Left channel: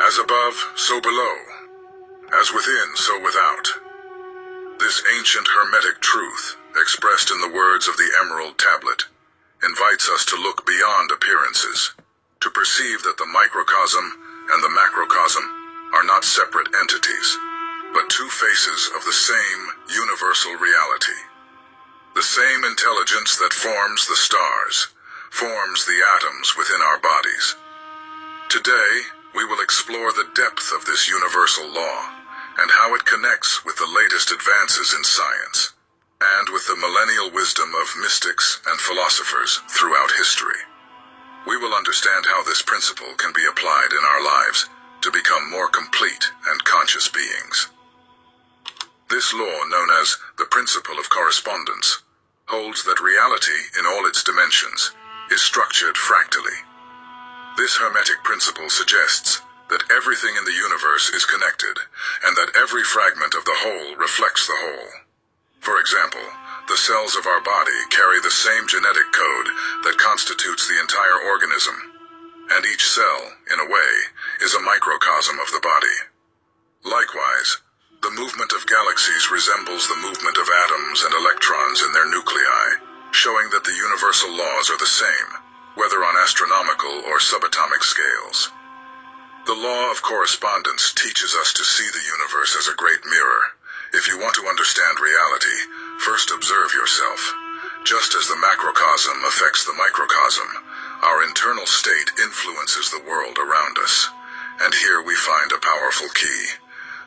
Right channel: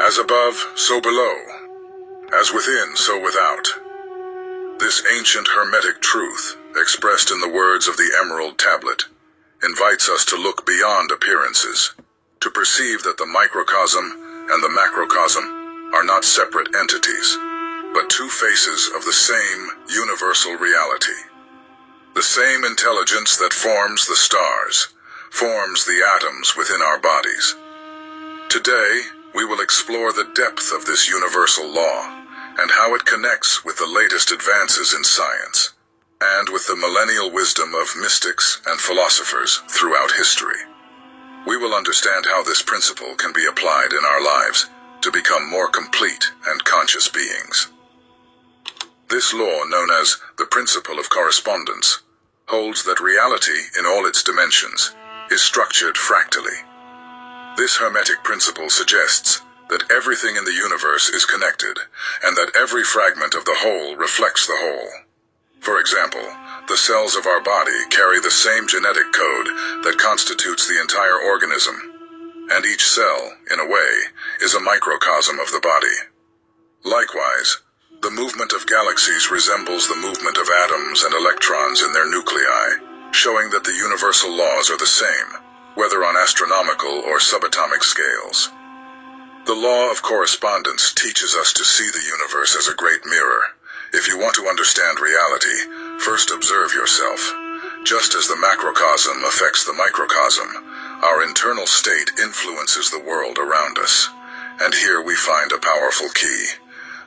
As above, so below. As within, so without. This ancient Hermetic truth, expressed in the words of the Emerald Tablet, invites us to look beyond appearances, to perceive that the microcosm and the macrocosm are not separate entities, but two faces of the same universal reality. The same intelligence that forms the stars, forms the atoms within our bodies. Today, we will explore the depth of this universal law and how it connects with the latest advances in science and with the millennial wisdom of mystics and philosophers throughout history. We will understand how this principle can be applied in our lives to become more complete and conscious beings. This law, known as the principle of correspondence, holds that reality in all its dimensions is structured fractally. This Hermetic principle suggests that everything in the universe is connected and that every fragment of the whole reflects the whole. For example, the cells of our body carry the same genetic code that constitutes the entire organism, and each cell, in a way, is a microcosm of the body. Likewise, the movement of galaxies resembles the movement of atoms and electrons in their nuclei, showing that the universal laws are the same, whether on astronomical or subatomic scales. The law of correspondence teaches us to see the universe as a great mirror. If you want to understand reality, first observe yourself. Just as the macrocosm affects the microcosm, our internal state influences the world around us. And here we find a powerful key.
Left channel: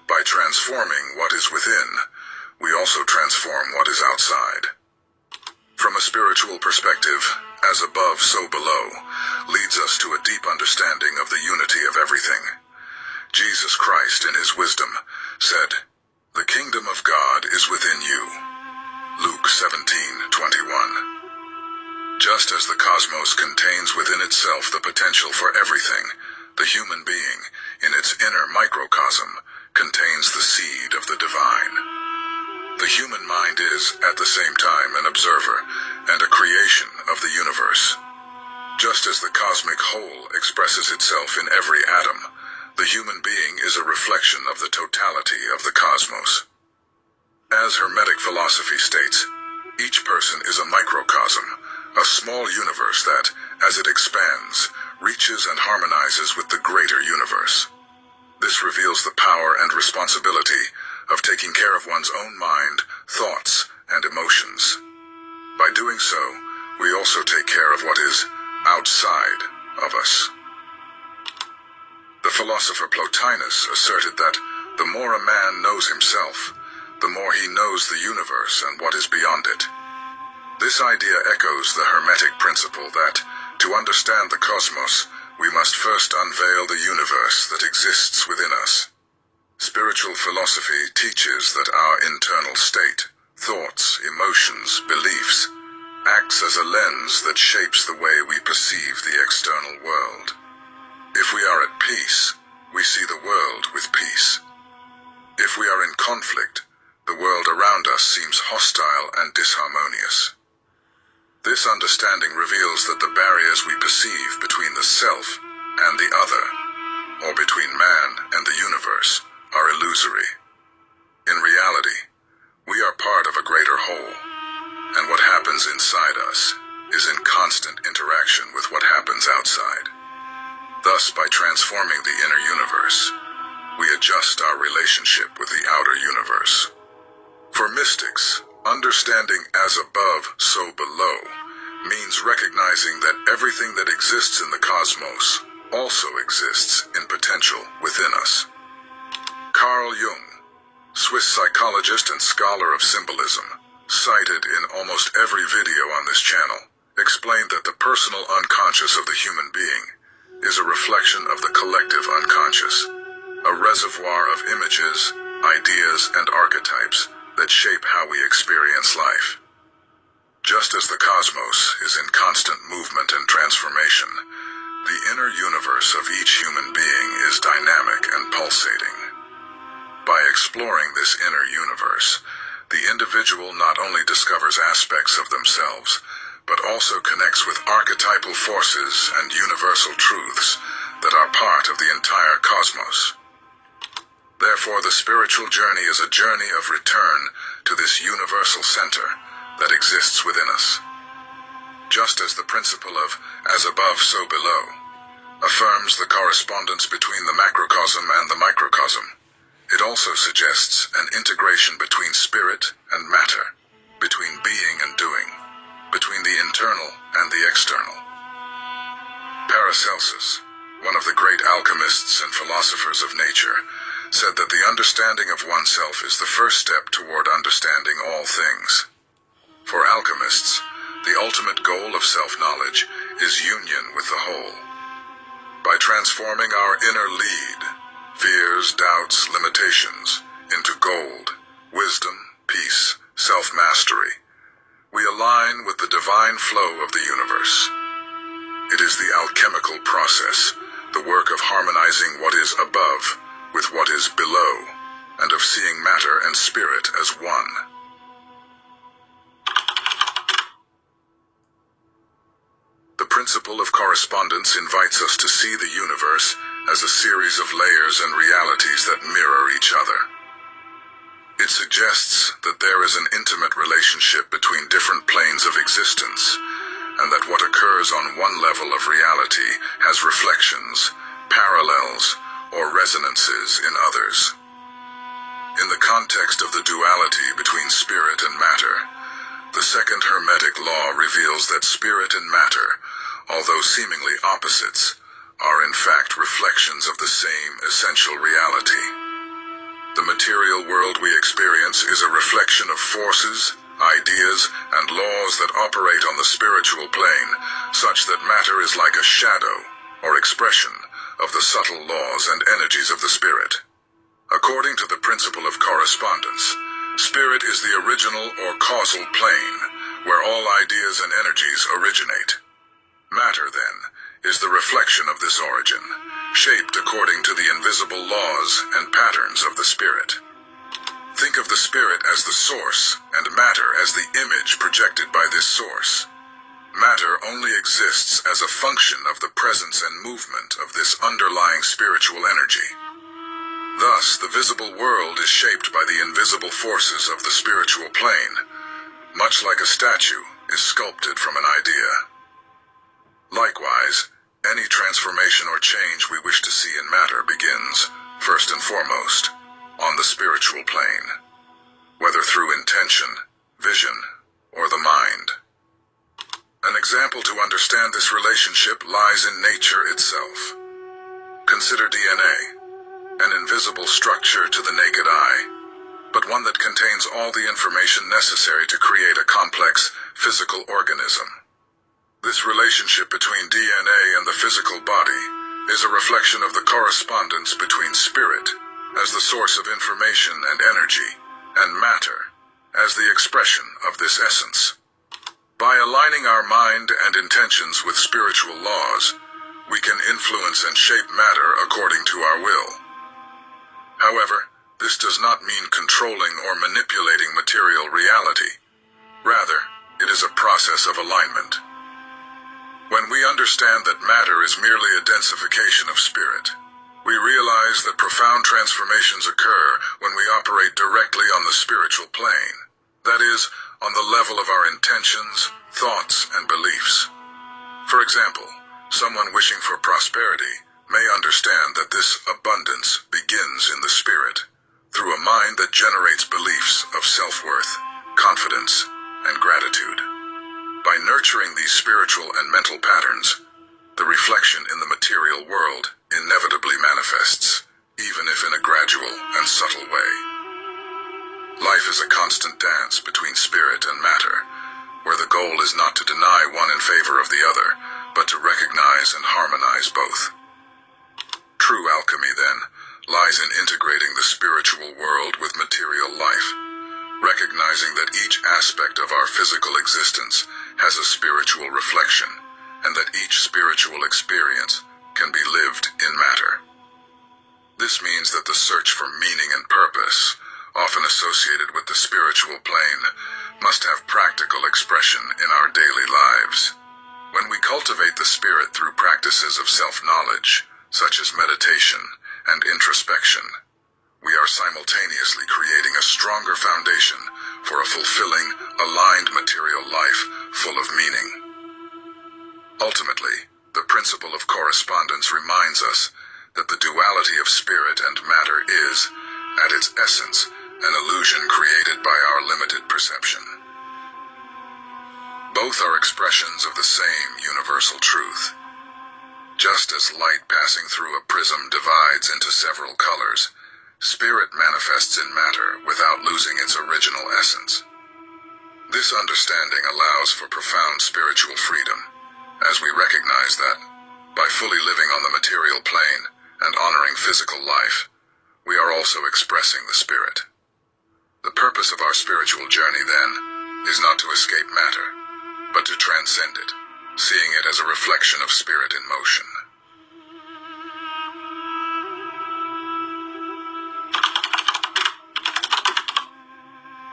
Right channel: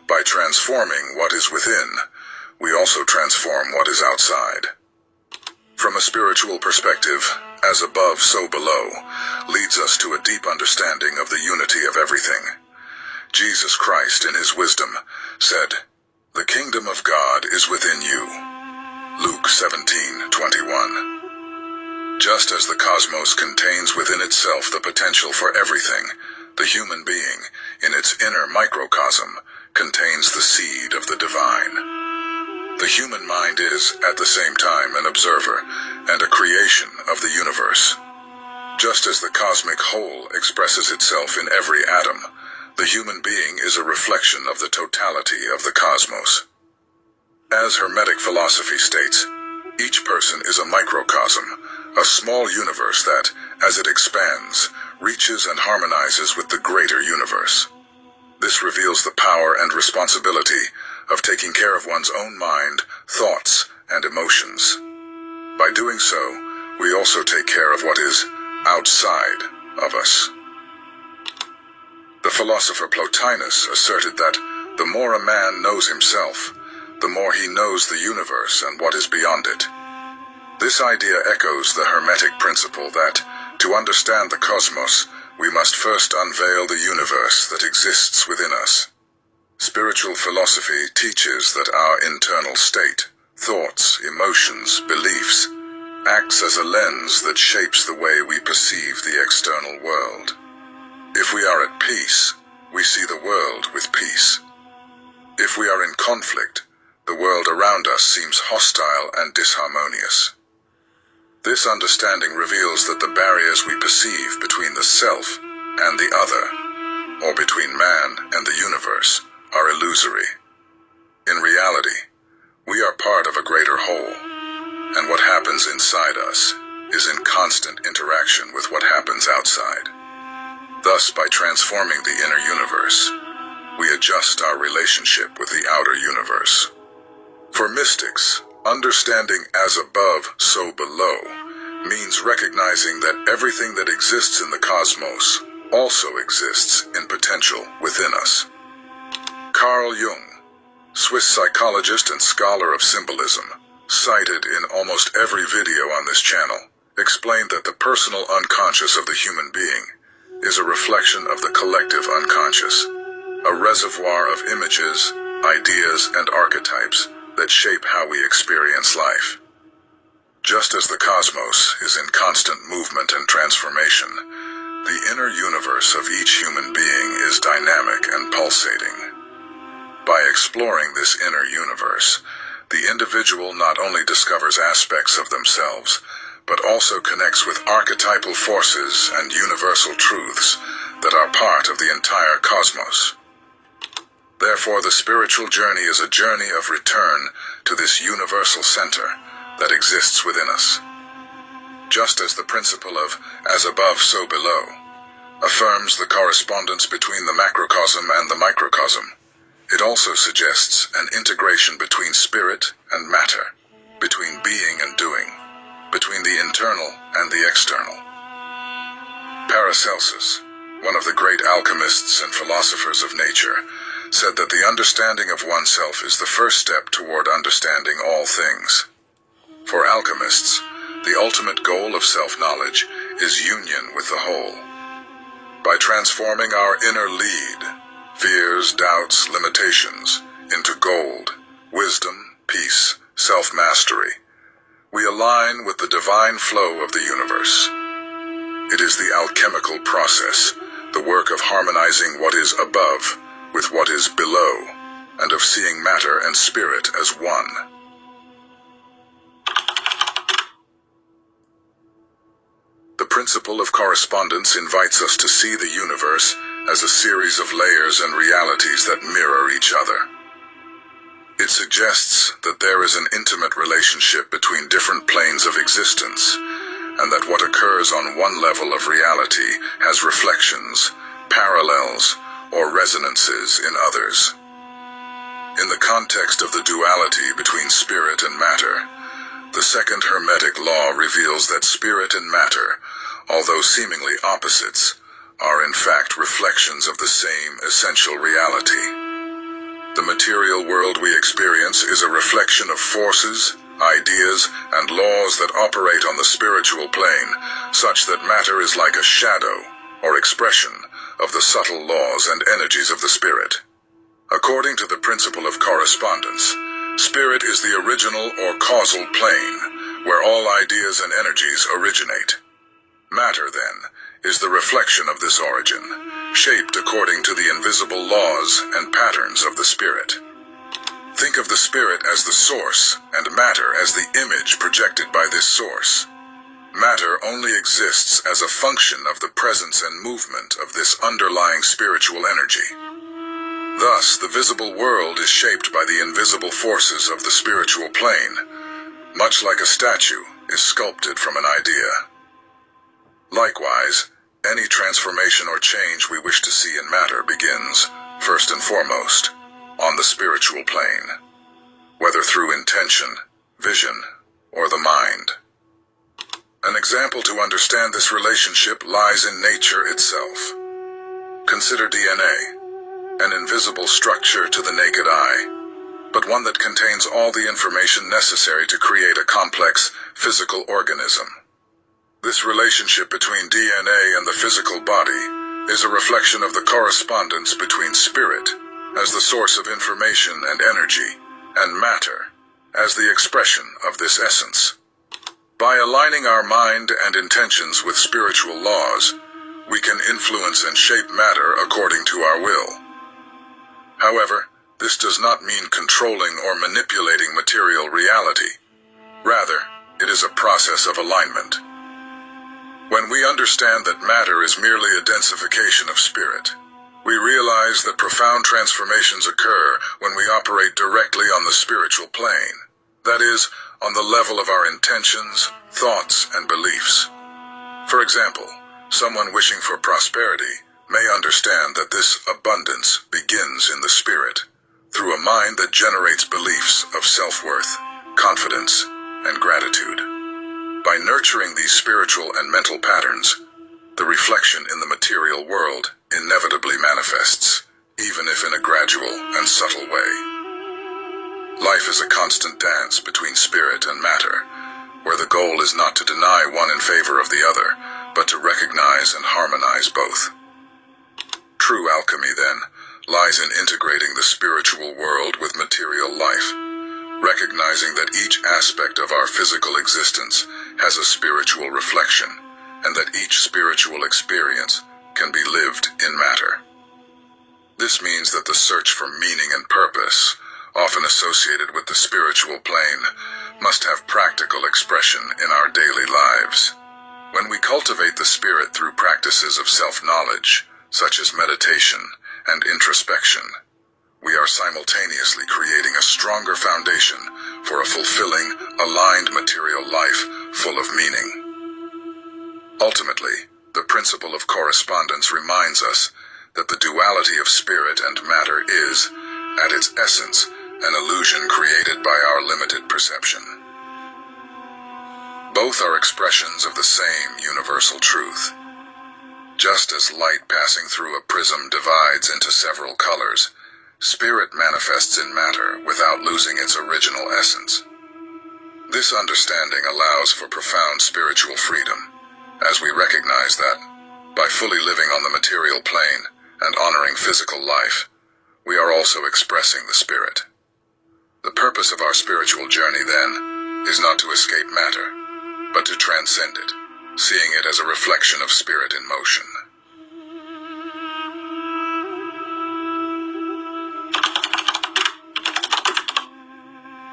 By transforming what is within, we also transform what is outside. From a spiritual perspective, as above, so below, leads us to a deep understanding of the unity of everything. Jesus Christ, in his wisdom, said, "The kingdom of God is within you." Luke 17:21. Just as the cosmos contains within itself the potential for everything, the human being, in its inner microcosm, contains the seed of the divine. The human mind is, at the same time, an observer and a creation of the universe. Just as the cosmic whole expresses itself in every atom, the human being is a reflection of the totality of the cosmos. As Hermetic philosophy states, each person is a microcosm, a small universe that, as it expands, reaches and harmonizes with the greater universe. This reveals the power and responsibility of taking care of one's own mind, thoughts, and emotions. By doing so, we also take care of what is outside of us. The philosopher Plotinus asserted that the more a man knows himself, the more he knows the universe and what is beyond it. This idea echoes the Hermetic principle that, to understand the cosmos, we must first unveil the universe that exists within us. Spiritual philosophy teaches that our internal state, thoughts, emotions, beliefs, acts as a lens that shapes the way we perceive the external world. If we are at peace, we see the world with peace. If we are in conflict, the world around us seems hostile and disharmonious. This understanding reveals that the barriers we perceive between the self and the other, or between man and the universe, are illusory. In reality, we are part of a greater whole, and what happens inside us is in constant interaction with what happens outside. Thus, by transforming the inner universe, we adjust our relationship with the outer universe. For mystics, understanding as above, so below means recognizing that everything that exists in the cosmos also exists in potential within us. Carl Jung, Swiss psychologist and scholar of symbolism, cited in almost every video on this channel, explained that the personal unconscious of the human being is a reflection of the collective unconscious, a reservoir of images, ideas, and archetypes that shape how we experience life. Just as the cosmos is in constant movement and transformation, the inner universe of each human being is dynamic and pulsating. By exploring this inner universe, the individual not only discovers aspects of themselves, but also connects with archetypal forces and universal truths that are part of the entire cosmos. Therefore, the spiritual journey is a journey of return to this universal center that exists within us. Just as the principle of as above, so below affirms the correspondence between the macrocosm and the microcosm, it also suggests an integration between spirit and matter, between being and doing, between the internal and the external. Paracelsus, one of the great alchemists and philosophers of nature, said that the understanding of oneself is the first step toward understanding all things. For alchemists, the ultimate goal of self-knowledge is union with the whole. By transforming our inner lead, fears, doubts, limitations, into gold, wisdom, peace, self-mastery, we align with the divine flow of the universe. It is the alchemical process, the work of harmonizing what is above with what is below, and of seeing matter and spirit as one. The principle of correspondence invites us to see the universe as a series of layers and realities that mirror each other. It suggests that there is an intimate relationship between different planes of existence, and that what occurs on one level of reality has reflections, parallels, or resonances in others. In the context of the duality between spirit and matter, the second Hermetic law reveals that spirit and matter, although seemingly opposites, are in fact reflections of the same essential reality. The material world we experience is a reflection of forces, ideas, and laws that operate on the spiritual plane, such that matter is like a shadow or expression of the subtle laws and energies of the spirit. According to the principle of correspondence, spirit is the original or causal plane, where all ideas and energies originate. Matter, then, is the reflection of this origin, shaped according to the invisible laws and patterns of the spirit. Think of the spirit as the source, and matter as the image projected by this source. Matter only exists as a function of the presence and movement of this underlying spiritual energy. Thus, the visible world is shaped by the invisible forces of the spiritual plane, much like a statue is sculpted from an idea. Likewise, any transformation or change we wish to see in matter begins, first and foremost, on the spiritual plane, whether through intention, vision, or the mind. An example to understand this relationship lies in nature itself. Consider DNA, an invisible structure to the naked eye, but one that contains all the information necessary to create a complex physical organism. This relationship between DNA and the physical body is a reflection of the correspondence between spirit as the source of information and energy, and matter as the expression of this essence. By aligning our mind and intentions with spiritual laws, we can influence and shape matter according to our will. However, this does not mean controlling or manipulating material reality. Rather, it is a process of alignment. When we understand that matter is merely a densification of spirit, we realize that profound transformations occur when we operate directly on the spiritual plane, that is, on the level of our intentions, thoughts, and beliefs. For example, someone wishing for prosperity may understand that this abundance begins in the spirit, through a mind that generates beliefs of self-worth, confidence, and gratitude. By nurturing these spiritual and mental patterns, the reflection in the material world inevitably manifests, even if in a gradual and subtle way. Life is a constant dance between spirit and matter, where the goal is not to deny one in favor of the other, but to recognize and harmonize both. True alchemy, then, lies in integrating the spiritual world with material life, recognizing that each aspect of our physical existence has a spiritual reflection, and that each spiritual experience can be lived in matter. This means that the search for meaning and purpose, often associated with the spiritual plane, must have practical expression in our daily lives. When we cultivate the spirit through practices of self-knowledge, such as meditation and introspection, we are simultaneously creating a stronger foundation for a fulfilling, aligned material life full of meaning. Ultimately, the principle of correspondence reminds us that the duality of spirit and matter is, at its essence, an illusion created by our limited perception. Both are expressions of the same universal truth. Just as light passing through a prism divides into several colors, spirit manifests in matter without losing its original essence. This understanding allows for profound spiritual freedom, as we recognize that, by fully living on the material plane and honoring physical life, we are also expressing the spirit. The purpose of our spiritual journey, then, is not to escape matter, but to transcend it, seeing it as a reflection of spirit in motion.